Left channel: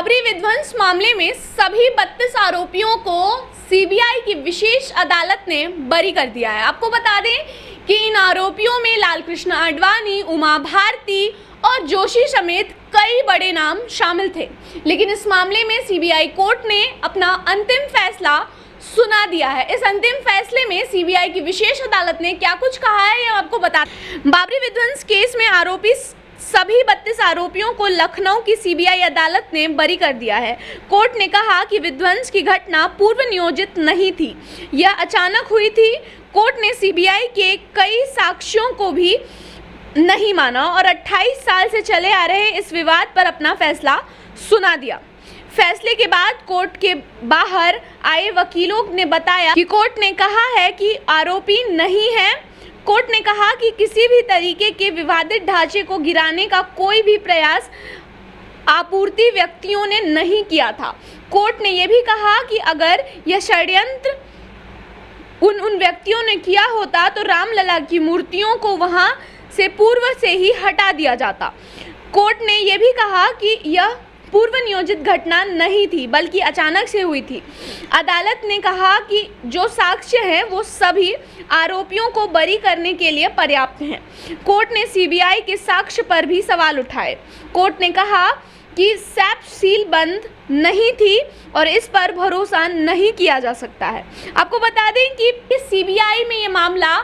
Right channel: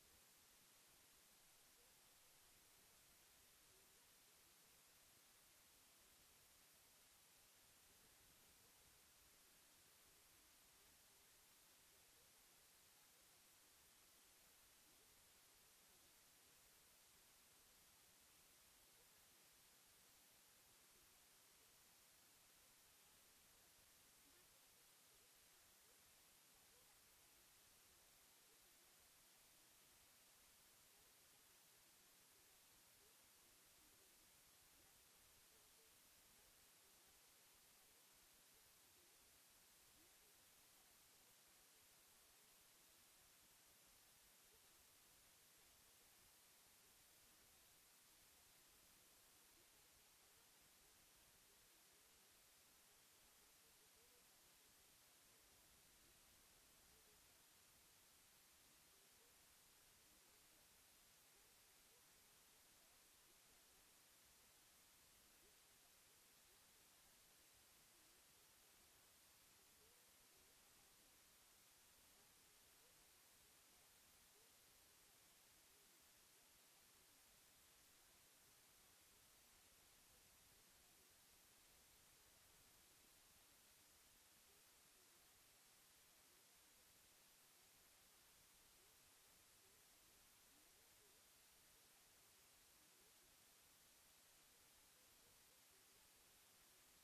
बाबरी विध्वंस मामले में सभी 32 आरोपियों को सीबीआई की विशेष अदालत ने बरी कर दिया है। आपको बता दें कि इन आरोपियों में लालकृष्ण आडवाणी, उमा भारती और जोशी समेत कई बड़े नाम शामिल थे। लेकिन इस मामले में सीबीआई कोर्ट ने अपना अंतिम फैसला सुना दिया है। इस अंतिम फैसले में सीबीआई की विशेष अदालत ने क्या कुछ कहा है, ये आपको बता। बाबरी विध्वंस केस में आरोपी सभी 32 आरोपियों को लखनऊ की सीबीआई अदालत ने बरी कर दिया है। कोर्ट ने कहा कि विध्वंस की घटना पूर्व नियोजित नहीं थी, यह अचानक हुई थी। कोर्ट ने सीबीआई के कई साक्ष्यों को भी नहीं माना और 28 साल से चले आ रहे इस विवाद पर अपना फैसला सुना दिया। फैसले के बाद कोर्ट के बाहर आए वकीलों ने बताया कि कोर्ट ने कहा है कि आरोपी नहीं है। कोर्ट ने कहा कि किसी भी तरीके के विवादित ढांचे को गिराने का कोई भी प्रयास आपूर्ति व्यक्तियों ने नहीं किया था। कोर्ट ने यह भी कहा कि अगर यह षड्यंत्र उन व्यक्तियों ने किया होता तो रामलला की मूर्तियों को वहां से पूर्व से ही हटा दिया जाता। कोर्ट ने यह भी कहा कि यह पूर्व नियोजित घटना नहीं थी बल्कि अचानक से हुई थी। अदालत ने कहा कि जो साक्ष्य हैं वो सभी आरोपियों को बरी करने के लिए पर्याप्त हैं। कोर्ट ने सीबीआई के साक्ष्य पर भी सवाल उठाए। कोर्ट ने कहा कि सैप सील बंद नहीं थी और इस पर भरोसा नहीं किया जा सकता है। आपको बता दें कि सीबीआई में ये मामला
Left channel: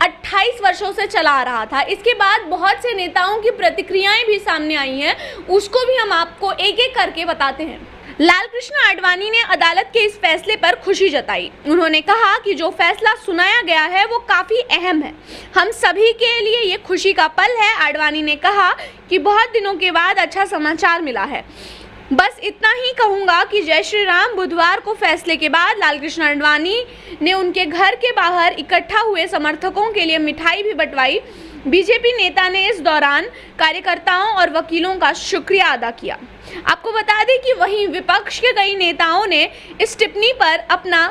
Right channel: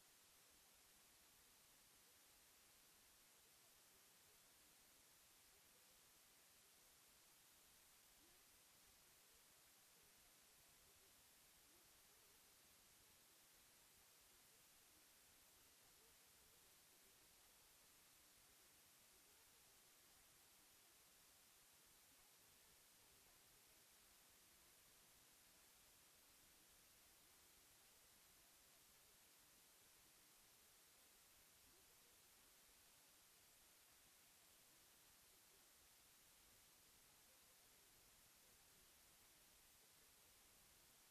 28 वर्षों से चला आ रहा था। इसके बाद बहुत से नेताओं की प्रतिक्रियाएं भी सामने आई हैं, उसको भी हम आपको एक एक करके बताते हैं। लालकृष्ण आडवाणी ने अदालत के इस फैसले पर खुशी जताई। उन्होंने कहा कि जो फैसला सुनाया गया है वो काफी अहम है, हम सभी के लिए ये खुशी का पल है। आडवाणी ने कहा कि बहुत दिनों के बाद अच्छा समाचार मिला है। बस इतना ही कहूँगा कि जय श्री राम। बुधवार को फैसले के बाद लालकृष्ण आडवाणी ने उनके घर के बाहर इकट्ठा हुए समर्थकों के लिए मिठाई भी बंटवाई। बीजेपी नेता ने इस दौरान कार्यकर्ताओं और वकीलों का शुक्रिया अदा किया। आपको बता दें कि वहीं विपक्ष के कई नेताओं ने इस टिप्पणी पर अपना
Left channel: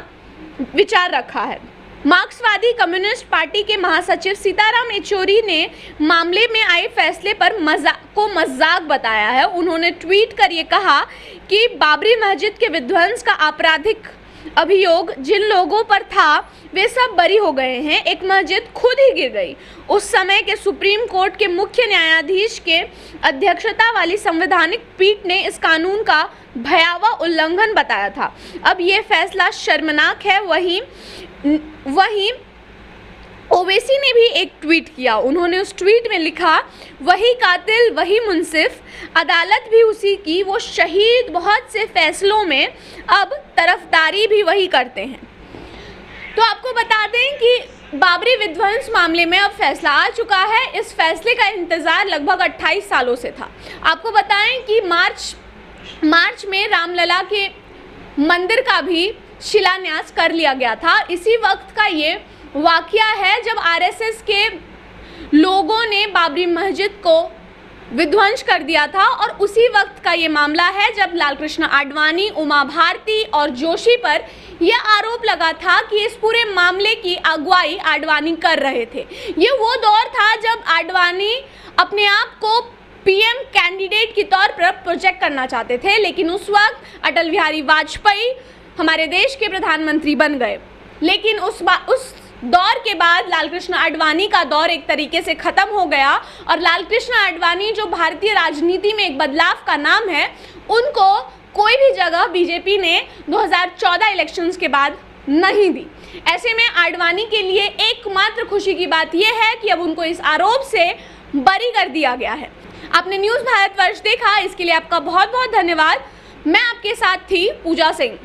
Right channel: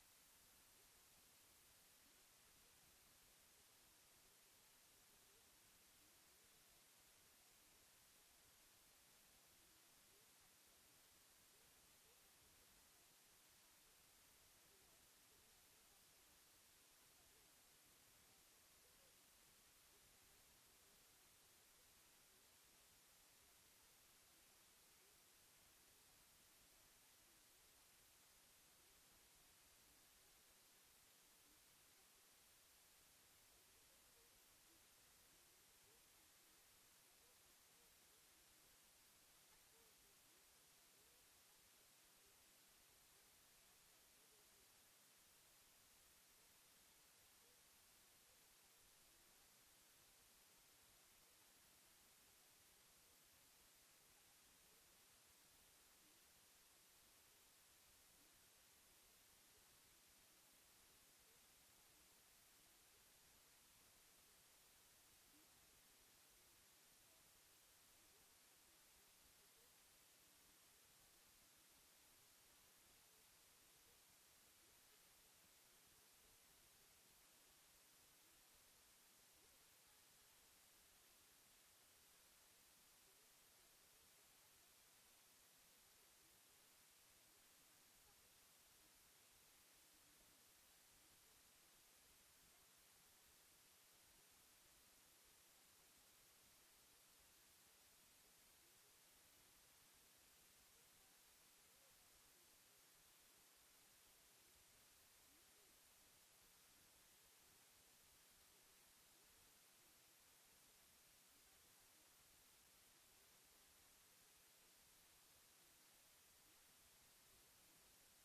विचार रखा है। मार्क्सवादी कम्युनिस्ट पार्टी के महासचिव सीताराम येचुरी ने मामले में आए फैसले पर मजाक बताया है। उन्होंने ट्वीट कर ये कहा कि बाबरी मस्जिद के विध्वंस का आपराधिक अभियोग जिन लोगों पर था वे सब बरी हो गए हैं। एक मस्जिद खुद ही गिर गई। उस समय के सुप्रीम कोर्ट के मुख्य न्यायाधीश के अध्यक्षता वाली संवैधानिक पीठ ने इस कानून का भयावह उल्लंघन बताया था। अब ये फैसला शर्मनाक है। वहीं ओवैसी ने भी एक ट्वीट किया। उन्होंने उस ट्वीट में लिखा, वही कातिल वही मुंसिफ, अदालत भी उसी की, वो शहीद बहुत से फैसलों में, अब तरफदारी भी वही करते हैं। तो आपको बता दें कि बाबरी विध्वंस मामले में अब फैसला आ चुका है। इस फैसले का इंतजार लगभग 28 सालों से था। आपको बताएं कि मार्च में रामलला के मंदिर का भी शिलान्यास कर लिया गया था। इसी वक्त का ये वाकया है जब आरएसएस के लोगों ने बाबरी मस्जिद को विध्वंस कर दिया था और उसी वक्त का ये मामला है जब लालकृष्ण आडवाणी, उमा भारती और जोशी पर यह आरोप लगा था कि इस पूरे मामले की अगुवाई आडवाणी कर रहे थे। ये वो दौर था जब आडवाणी अपने आप को पीएम कैंडिडेट के तौर पर प्रोजेक्ट करना चाहते थे, लेकिन उस वक्त अटल बिहारी वाजपेयी हमारे देश के प्रधानमंत्री बन गए। लेकिन उस दौर के बाद लालकृष्ण आडवाणी का दौर एक तरीके से खत्म हो गया और लालकृष्ण आडवाणी जो भारतीय राजनीति में एक बदलाव का नाम है, उनको कोई भी जगह बीजेपी ने 2014 इलेक्शंस के बाद नहीं दी। ऐसे में आडवाणी के लिए एकमात्र खुशी की बात यह है कि अब उनको इस आरोप से बरी कर दिया गया है। आपने न्यूज़ भारतवर्ष देखा, इसके लिए आपका बहुत बहुत धन्यवाद। मैं आपके साथ थी पूजा सिंह।